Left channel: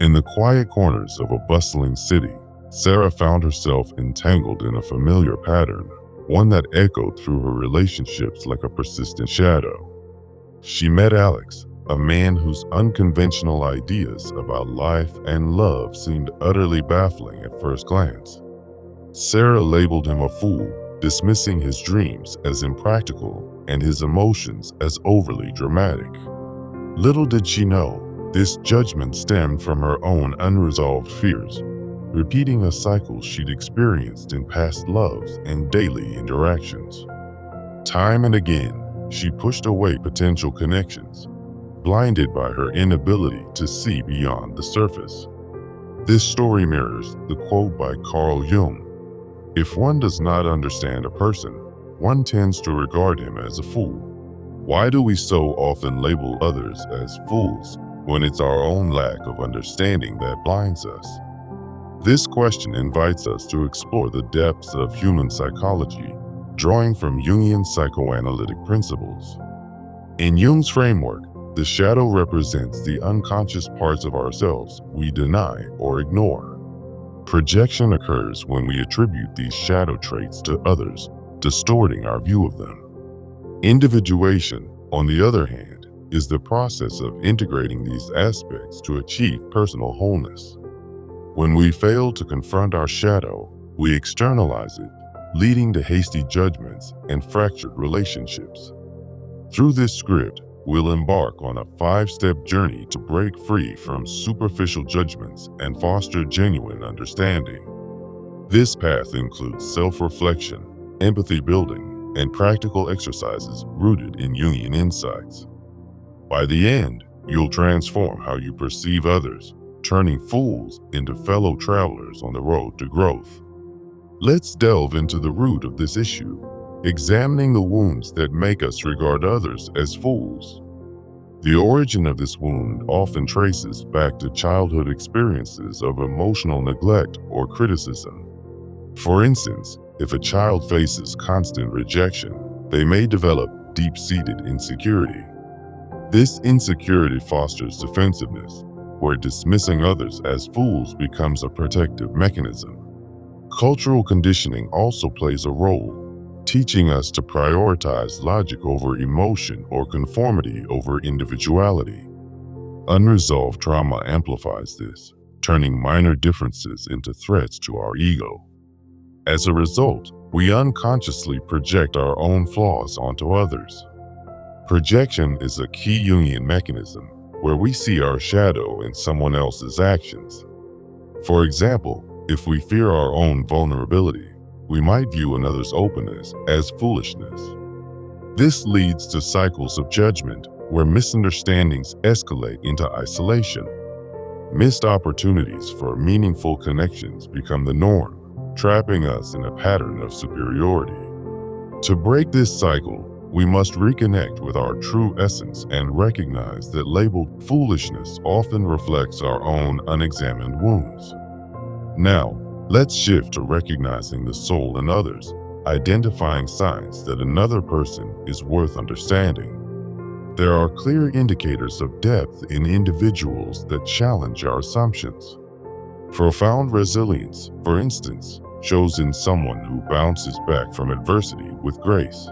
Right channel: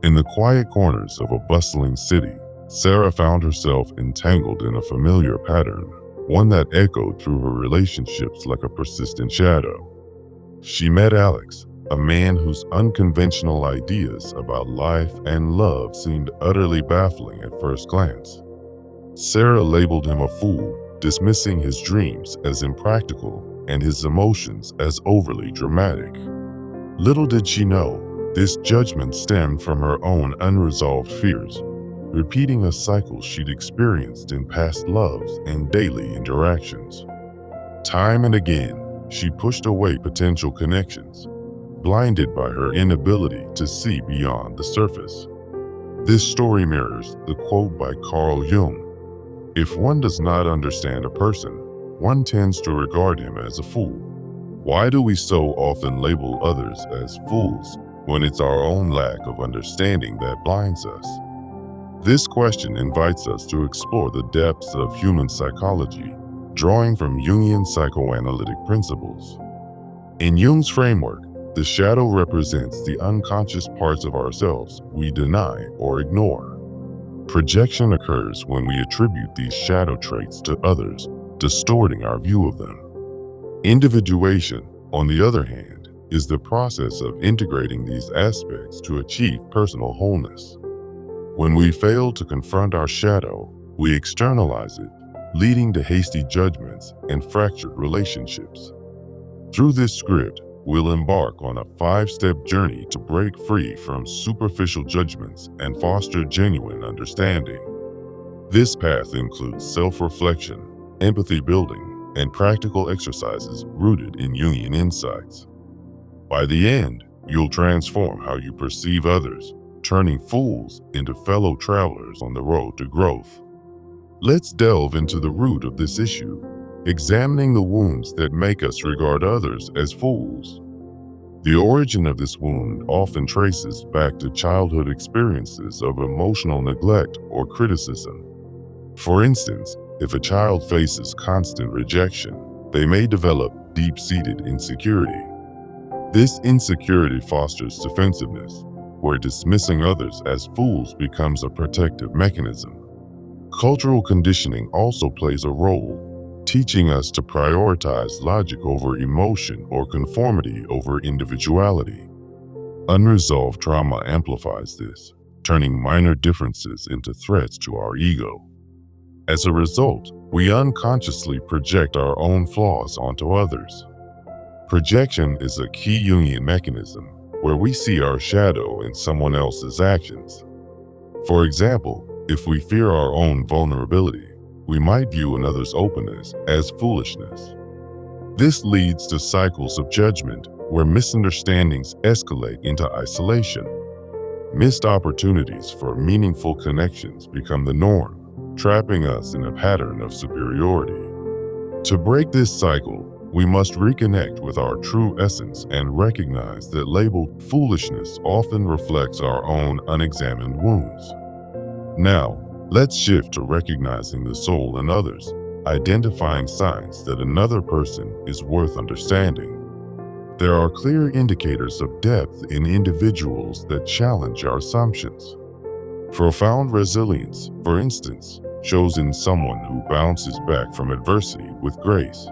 In the quiet corners of a bustling city, Sarah found herself entangled in a familiar pattern, one that echoed through her relationships like a persistent shadow. She met Alex, a man whose unconventional ideas about life and love seemed utterly baffling at first glance. Sarah labeled him a fool, dismissing his dreams as impractical and his emotions as overly dramatic. Little did she know, this judgment stemmed from her own unresolved fears, repeating a cycle she'd experienced in past loves and daily interactions. Time and again, she pushed away potential connections, blinded by her inability to see beyond the surface. This story mirrors the quote by Carl Jung: "If one does not understand a person, one tends to regard him as a fool." Why do we so often label others as fools when it's our own lack of understanding that blinds us? This question invites us to explore the depths of human psychology, drawing from Jungian psychoanalytic principles. In Jung's framework, the shadow represents the unconscious parts of ourselves we deny or ignore. Projection occurs when we attribute these shadow traits to others, distorting our view of them. Individuation, on the other hand, is the process of integrating these aspects to achieve personal wholeness. When we fail to confront our shadow, we externalize it, leading to hasty judgments and fractured relationships. Through this script, we'll embark on a 5-step journey to break free from superficial judgments and foster genuine understanding. This path includes self-reflection, empathy building, and practical exercises rooted in Jungian insights. By the end, you'll transform how you perceive others, turning fools into fellow travelers on the road to growth. Let's delve into the root of this issue, examining the wounds that make us regard others as fools. The origin of this wound often traces back to childhood experiences of emotional neglect or criticism. For instance, if a child faces constant rejection, they may develop deep-seated insecurity. This insecurity fosters defensiveness, where dismissing others as fools becomes a protective mechanism. Cultural conditioning also plays a role, teaching us to prioritize logic over emotion or conformity over individuality. Unresolved trauma amplifies this, turning minor differences into threats to our ego. As a result, we unconsciously project our own flaws onto others. Projection is a key Jungian mechanism where we see our shadow in someone else's actions. For example, if we fear our own vulnerability, we might view another's openness as foolishness. This leads to cycles of judgment where misunderstandings escalate into isolation. Missed opportunities for meaningful connections become the norm, trapping us in a pattern of superiority. To break this cycle, we must reconnect with our true essence and recognize that labeled foolishness often reflects our own unexamined wounds. Now, let's shift to recognizing the soul in others, identifying signs that another person is worth understanding. There are clear indicators of depth in individuals that challenge our assumptions. Profound resilience, for instance, shows in someone who bounces back from adversity with grace.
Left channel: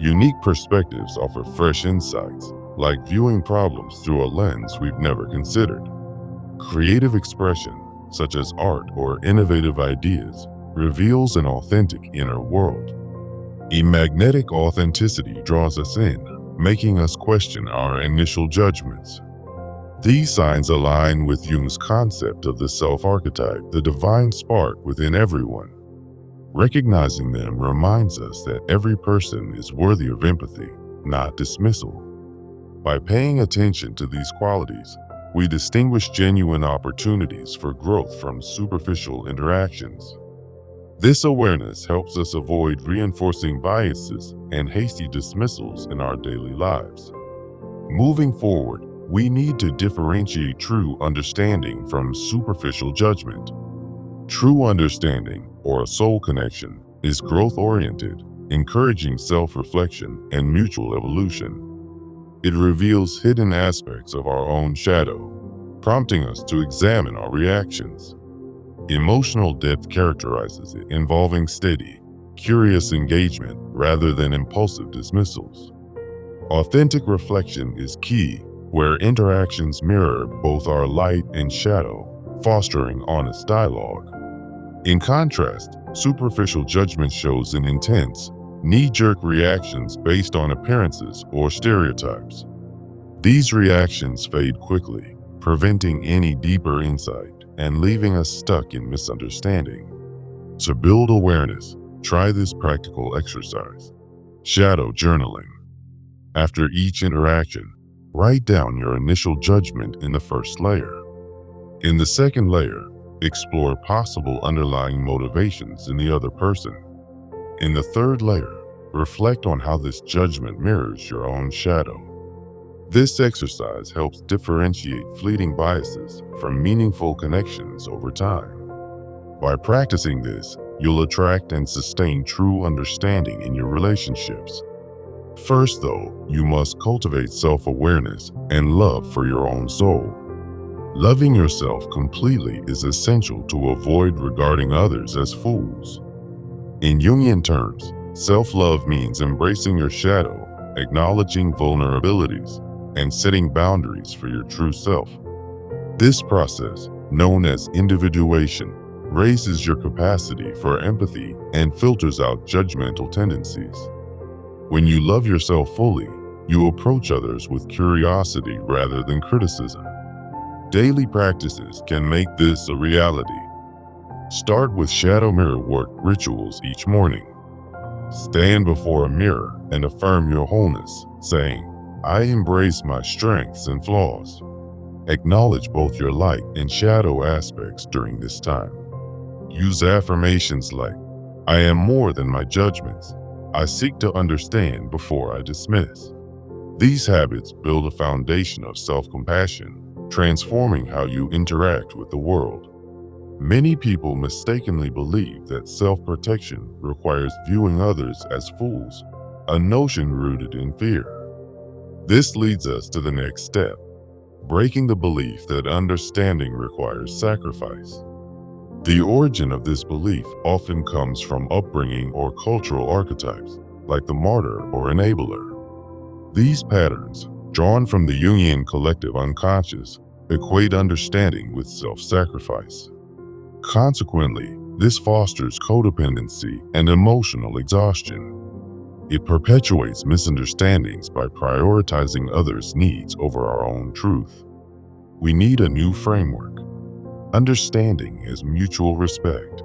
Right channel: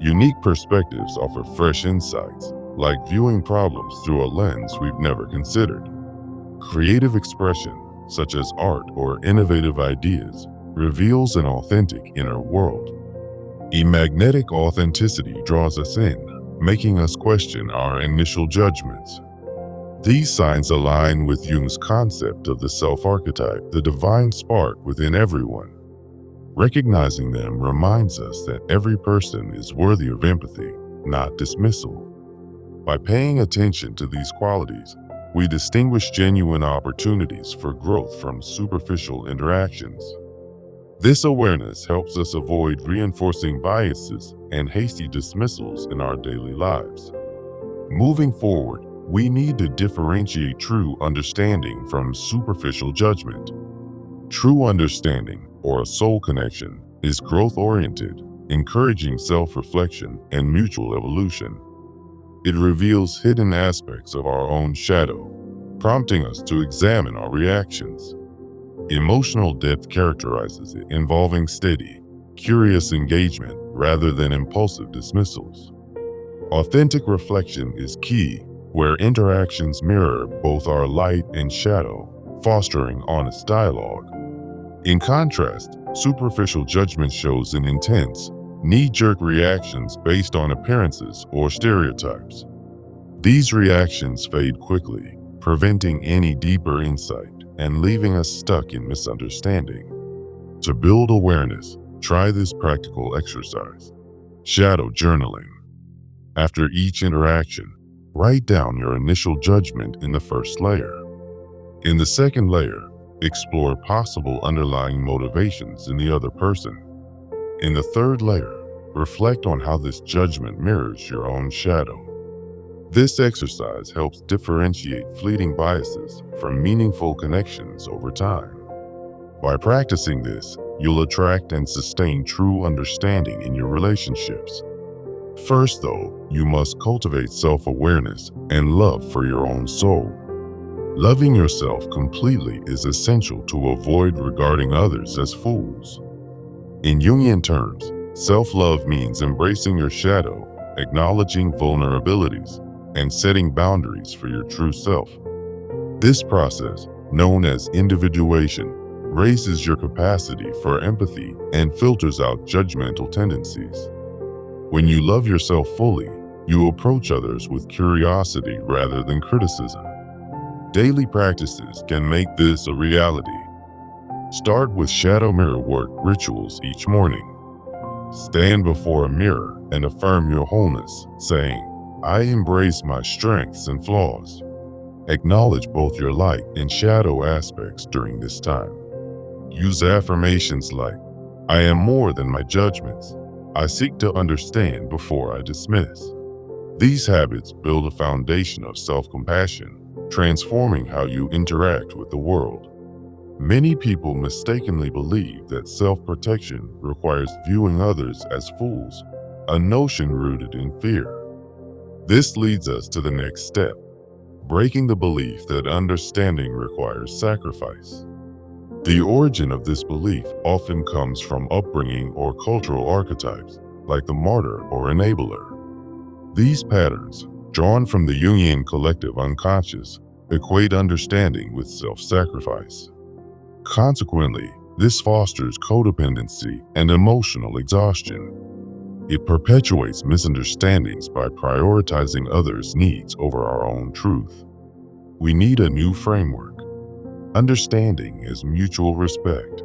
Unique perspectives offer fresh insights, like viewing problems through a lens we've never considered. Creative expression, such as art or innovative ideas, reveals an authentic inner world. Magnetic authenticity draws us in, making us question our initial judgments. These signs align with Jung's concept of the self-archetype, the divine spark within everyone. Recognizing them reminds us that every person is worthy of empathy, not dismissal. By paying attention to these qualities, we distinguish genuine opportunities for growth from superficial interactions. This awareness helps us avoid reinforcing biases and hasty dismissals in our daily lives. Moving forward, we need to differentiate true understanding from superficial judgment. True understanding, or a soul connection, is growth-oriented, encouraging self-reflection and mutual evolution. It reveals hidden aspects of our own shadow, prompting us to examine our reactions. Emotional depth characterizes it, involving steady, curious engagement rather than impulsive dismissals. Authentic reflection is key, where interactions mirror both our light and shadow, fostering honest dialogue. In contrast, superficial judgment shows an intense, knee-jerk reactions based on appearances or stereotypes. These reactions fade quickly, preventing any deeper insight and leaving us stuck in misunderstanding. To build awareness, try this practical exercise: shadow journaling. After each interaction, write down your initial judgment in the first layer. In the second layer, explore possible underlying motivations in the other person. In the third layer, reflect on how this judgment mirrors your own shadow. This exercise helps differentiate fleeting biases from meaningful connections over time. By practicing this, you'll attract and sustain true understanding in your relationships. First, though, you must cultivate self-awareness and love for your own soul. Loving yourself completely is essential to avoid regarding others as fools. In Jungian terms, self-love means embracing your shadow, acknowledging vulnerabilities, and setting boundaries for your true self. This process, known as individuation, raises your capacity for empathy and filters out judgmental tendencies. When you love yourself fully, you approach others with curiosity rather than criticism. Daily practices can make this a reality. Start with shadow mirror work rituals each morning. Stand before a mirror and affirm your wholeness, saying, "I embrace my strengths and flaws." Acknowledge both your light and shadow aspects during this time. Use affirmations like, "I am more than my judgments. I seek to understand before I dismiss." These habits build a foundation of self-compassion, transforming how you interact with the world. Many people mistakenly believe that self-protection requires viewing others as fools, a notion rooted in fear. This leads us to the next step: breaking the belief that understanding requires sacrifice. The origin of this belief often comes from upbringing or cultural archetypes, like the martyr or enabler. These patterns, drawn from the Jungian collective unconscious, equate understanding with self-sacrifice. Consequently, this fosters codependency and emotional exhaustion. It perpetuates misunderstandings by prioritizing others' needs over our own truth. We need a new framework: understanding as mutual respect.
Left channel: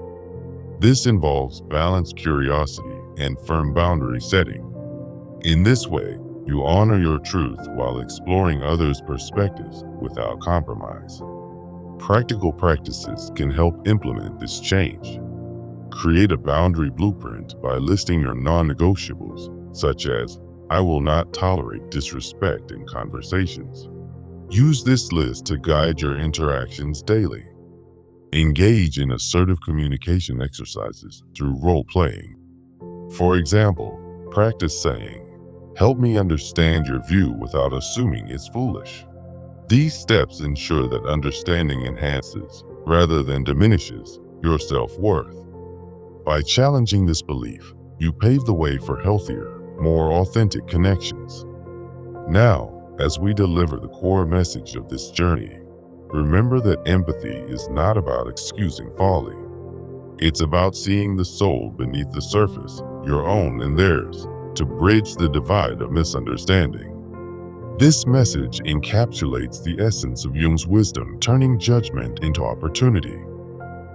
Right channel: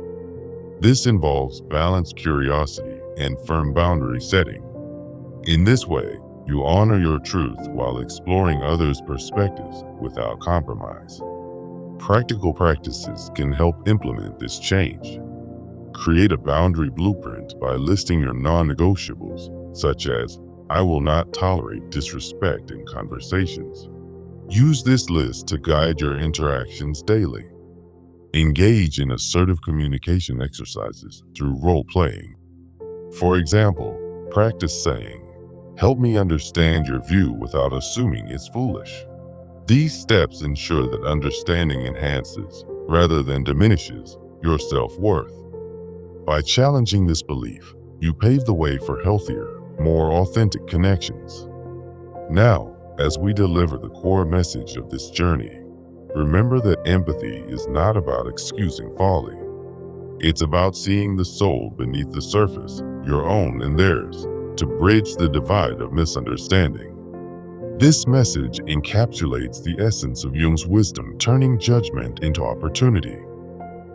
This involves balanced curiosity and firm boundary setting. In this way, you honor your truth while exploring others' perspectives without compromise. Practical practices can help implement this change. Create a boundary blueprint by listing your non-negotiables, such as, "I will not tolerate disrespect in conversations." Use this list to guide your interactions daily. Engage in assertive communication exercises through role-playing. For example, practice saying, "Help me understand your view without assuming it's foolish." These steps ensure that understanding enhances, rather than diminishes, your self-worth. By challenging this belief, you pave the way for healthier, more authentic connections. Now, as we deliver the core message of this journey, remember that empathy is not about excusing folly. It's about seeing the soul beneath the surface, your own and theirs, to bridge the divide of misunderstanding. This message encapsulates the essence of Jung's wisdom, turning judgment into opportunity.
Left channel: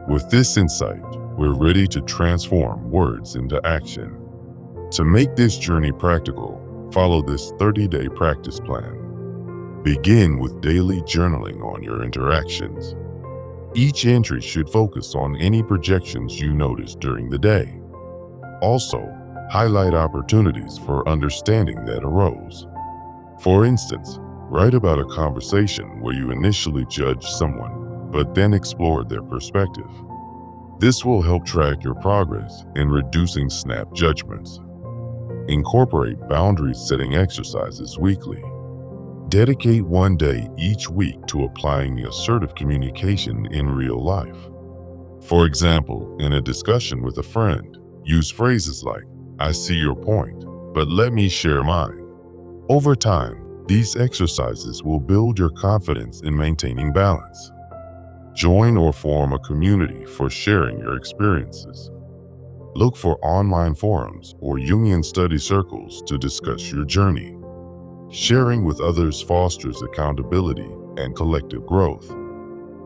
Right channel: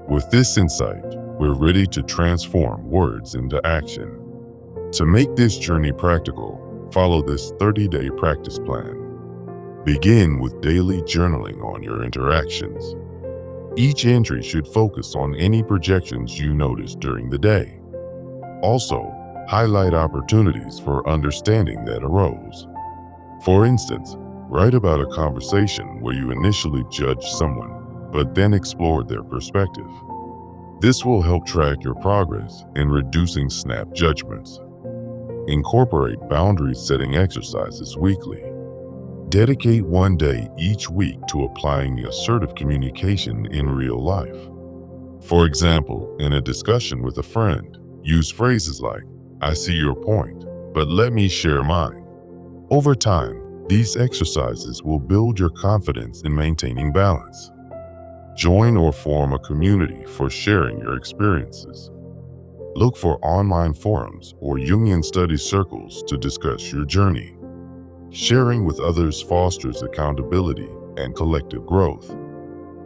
With this insight, we're ready to transform words into action. To make this journey practical, follow this 30-day practice plan. Begin with daily journaling on your interactions. Each entry should focus on any projections you notice during the day. Also, highlight opportunities for understanding that arose. For instance, write about a conversation where you initially judged someone, but then explored their perspective. This will help track your progress in reducing snap judgments. Incorporate boundary setting exercises weekly. Dedicate one day each week to applying assertive communication in real life. For example, in a discussion with a friend, use phrases like, "I see your point, but let me share mine." Over time, these exercises will build your confidence in maintaining balance. Join or form a community for sharing your experiences. Look for online forums or Jungian study circles to discuss your journey. Sharing with others fosters accountability and collective growth.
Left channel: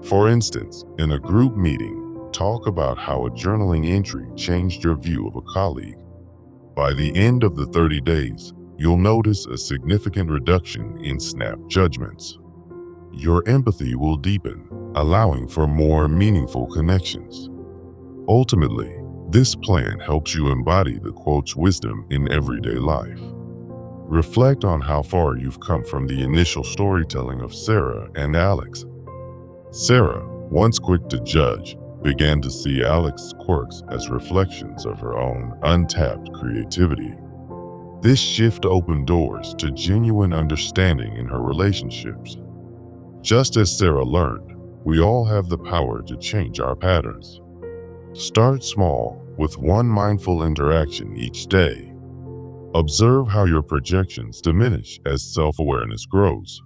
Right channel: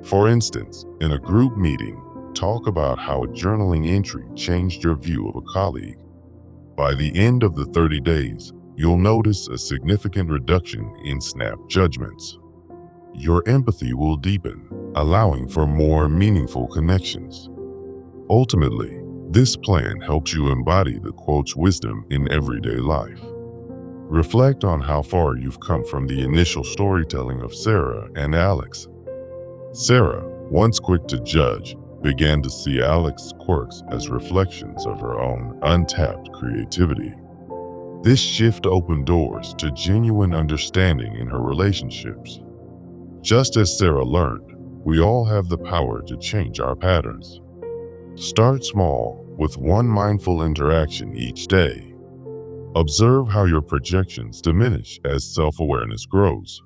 For instance, in a group meeting, talk about how a journaling entry changed your view of a colleague. By the end of the 30 days, you'll notice a significant reduction in snap judgments. Your empathy will deepen, allowing for more meaningful connections. Ultimately, this plan helps you embody the quote's wisdom in everyday life. Reflect on how far you've come from the initial storytelling of Sarah and Alex. Sarah, once quick to judge, began to see Alex's quirks as reflections of her own untapped creativity. This shift opened doors to genuine understanding in her relationships. Just as Sarah learned, we all have the power to change our patterns. Start small with one mindful interaction each day. Observe how your projections diminish as self-awareness grows.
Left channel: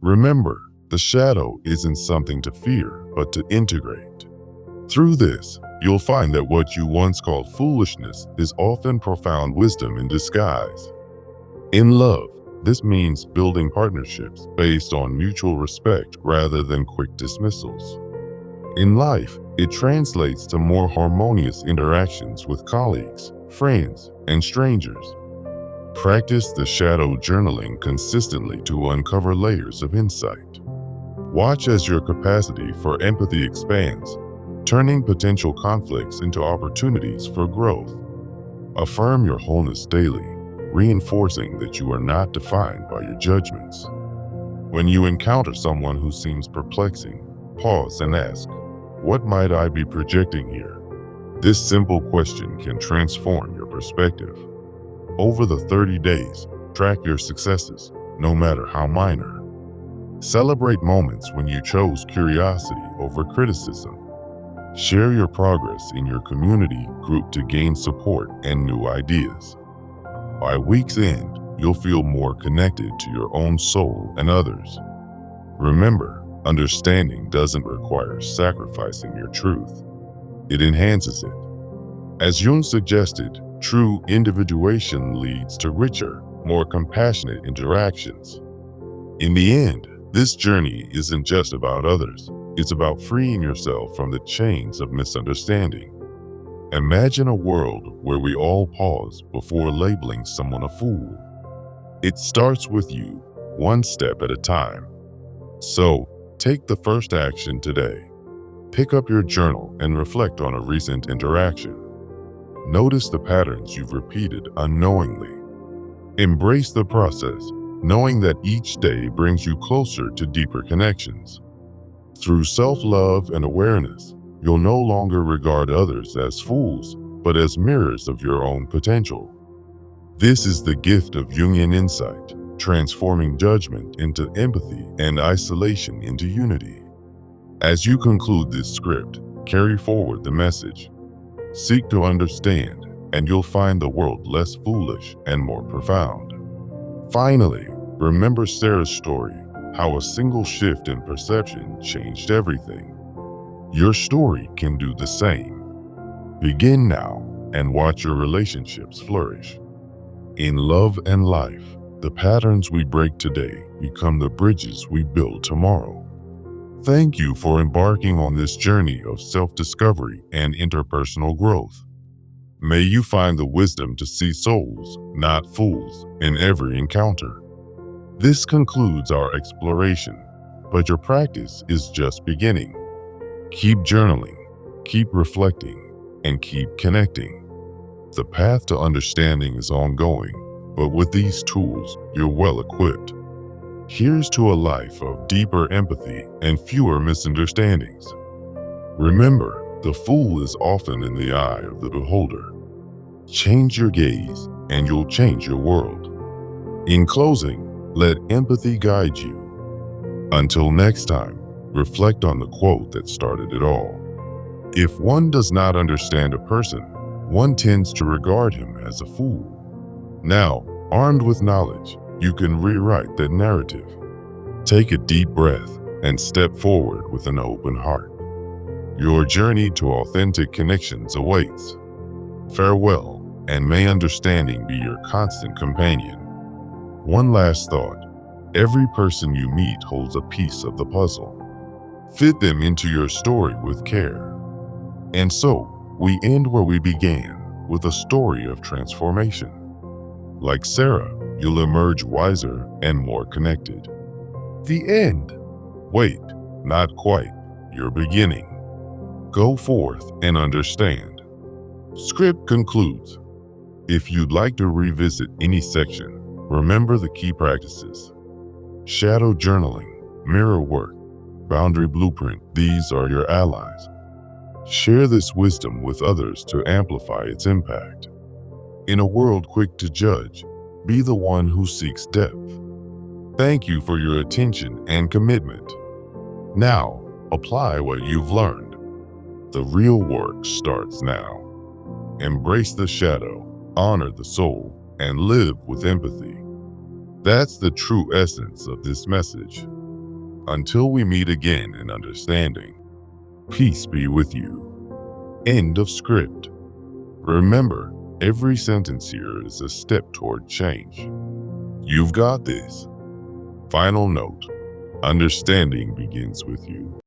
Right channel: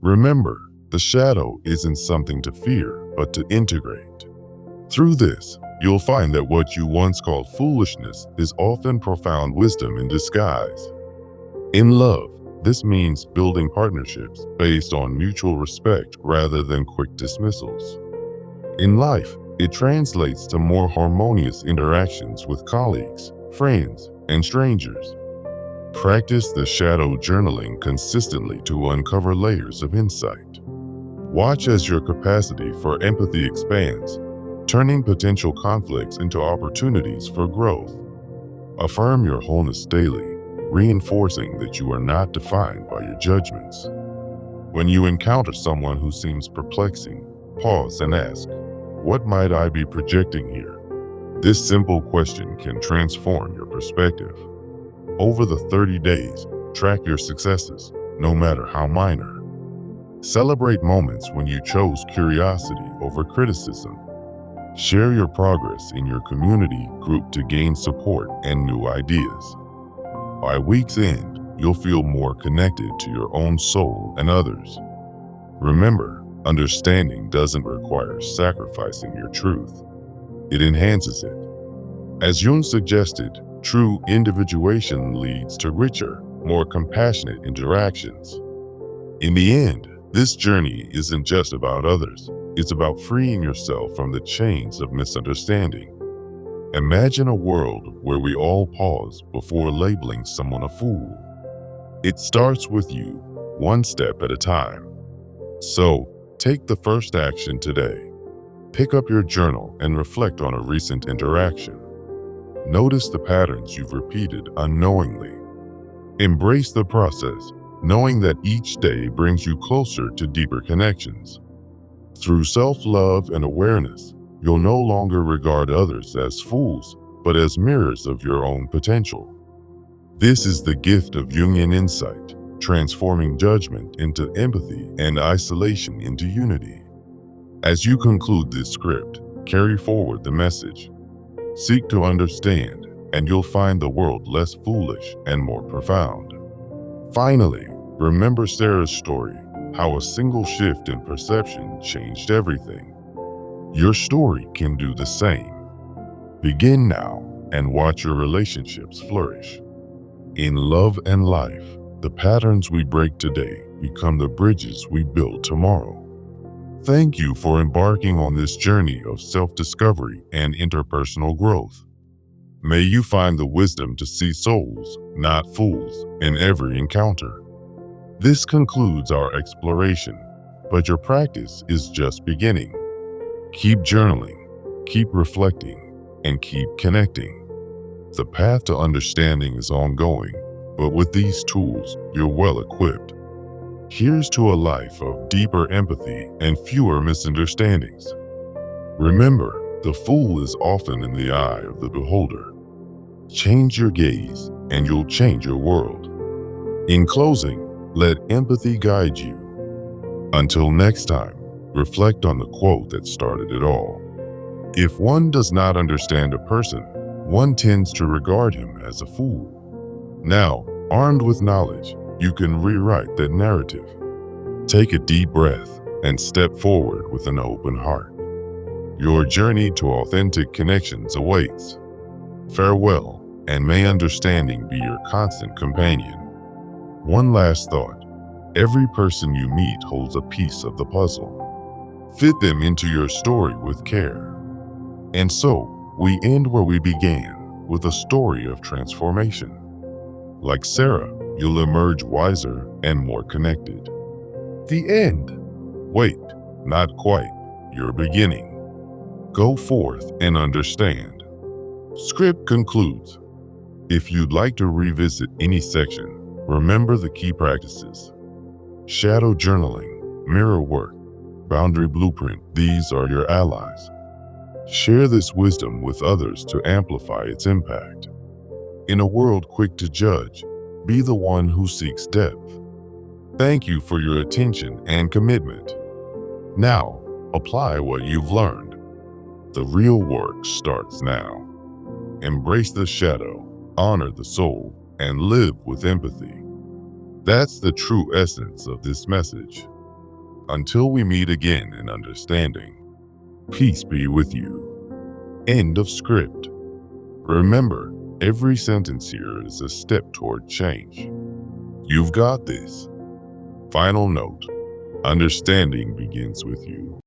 Remember, the shadow isn't something to fear, but to integrate. Through this, you'll find that what you once called foolishness is often profound wisdom in disguise. In love, this means building partnerships based on mutual respect rather than quick dismissals. In life, it translates to more harmonious interactions with colleagues, friends, and strangers. Practice the shadow journaling consistently to uncover layers of insight. Watch as your capacity for empathy expands, turning potential conflicts into opportunities for growth. Affirm your wholeness daily, reinforcing that you are not defined by your judgments. When you encounter someone who seems perplexing, pause and ask, "What might I be projecting here?" This simple question can transform your perspective. Over the 30 days, track your successes, no matter how minor. Celebrate moments when you chose curiosity over criticism. Share your progress in your community group to gain support and new ideas. By week's end, you'll feel more connected to your own soul and others. Remember, understanding doesn't require sacrificing your truth. It enhances it. As Jung suggested, true individuation leads to richer, more compassionate interactions. In the end, this journey isn't just about others. It's about freeing yourself from the chains of misunderstanding. Imagine a world where we all pause before labeling someone a fool. It starts with you, one step at a time. So, take the first action today. Pick up your journal and reflect on a recent interaction. Notice the patterns you've repeated unknowingly. Embrace the process, knowing that each day brings you closer to deeper connections. Through self-love and awareness, you'll no longer regard others as fools, but as mirrors of your own potential. This is the gift of Jungian insight, transforming judgment into empathy and isolation into unity. As you conclude this script, carry forward the message. Seek to understand, and you'll find the world less foolish and more profound. Finally, remember Sarah's story, how a single shift in perception changed everything. Your story can do the same. Begin now and watch your relationships flourish. In love and life, the patterns we break today become the bridges we build tomorrow. Thank you for embarking on this journey of self-discovery and interpersonal growth. May you find the wisdom to see souls, not fools, in every encounter. This concludes our exploration, but your practice is just beginning. Keep journaling, keep reflecting, and keep connecting. The path to understanding is ongoing, but with these tools, you're well equipped. Here's to a life of deeper empathy and fewer misunderstandings. Remember, the fool is often in the eye of the beholder. Change your gaze, and you'll change your world. In closing, Let empathy guide you. Until next time, reflect on the quote that started it all. If one does not understand a person, one tends to regard him as a fool. Now, armed with knowledge, you can rewrite that narrative. Take a deep breath and step forward with an open heart. Your journey to authentic connections awaits. Farewell, and may understanding be your constant companion. One last thought. Every person you meet holds a piece of the puzzle. Fit them into your story with care. And so, we end where we began, with a story of transformation. Like Sarah, you'll emerge wiser and more connected. The end. Wait, not quite. You're beginning. Go forth and understand. Script concludes. If you'd like to revisit any section, remember the key practices. Shadow journaling, mirror work, boundary blueprint, these are your allies. Share this wisdom with others to amplify its impact. In a world quick to judge, be the one who seeks depth. Thank you for your attention and commitment. Now, apply what you've learned. The real work starts now. Embrace the shadow, honor the soul, and live with empathy. That's the true essence of this message. Until we meet again in understanding, peace be with you. End of script. Remember, every sentence here is a step toward change. You've got this. Final note. Understanding begins with you.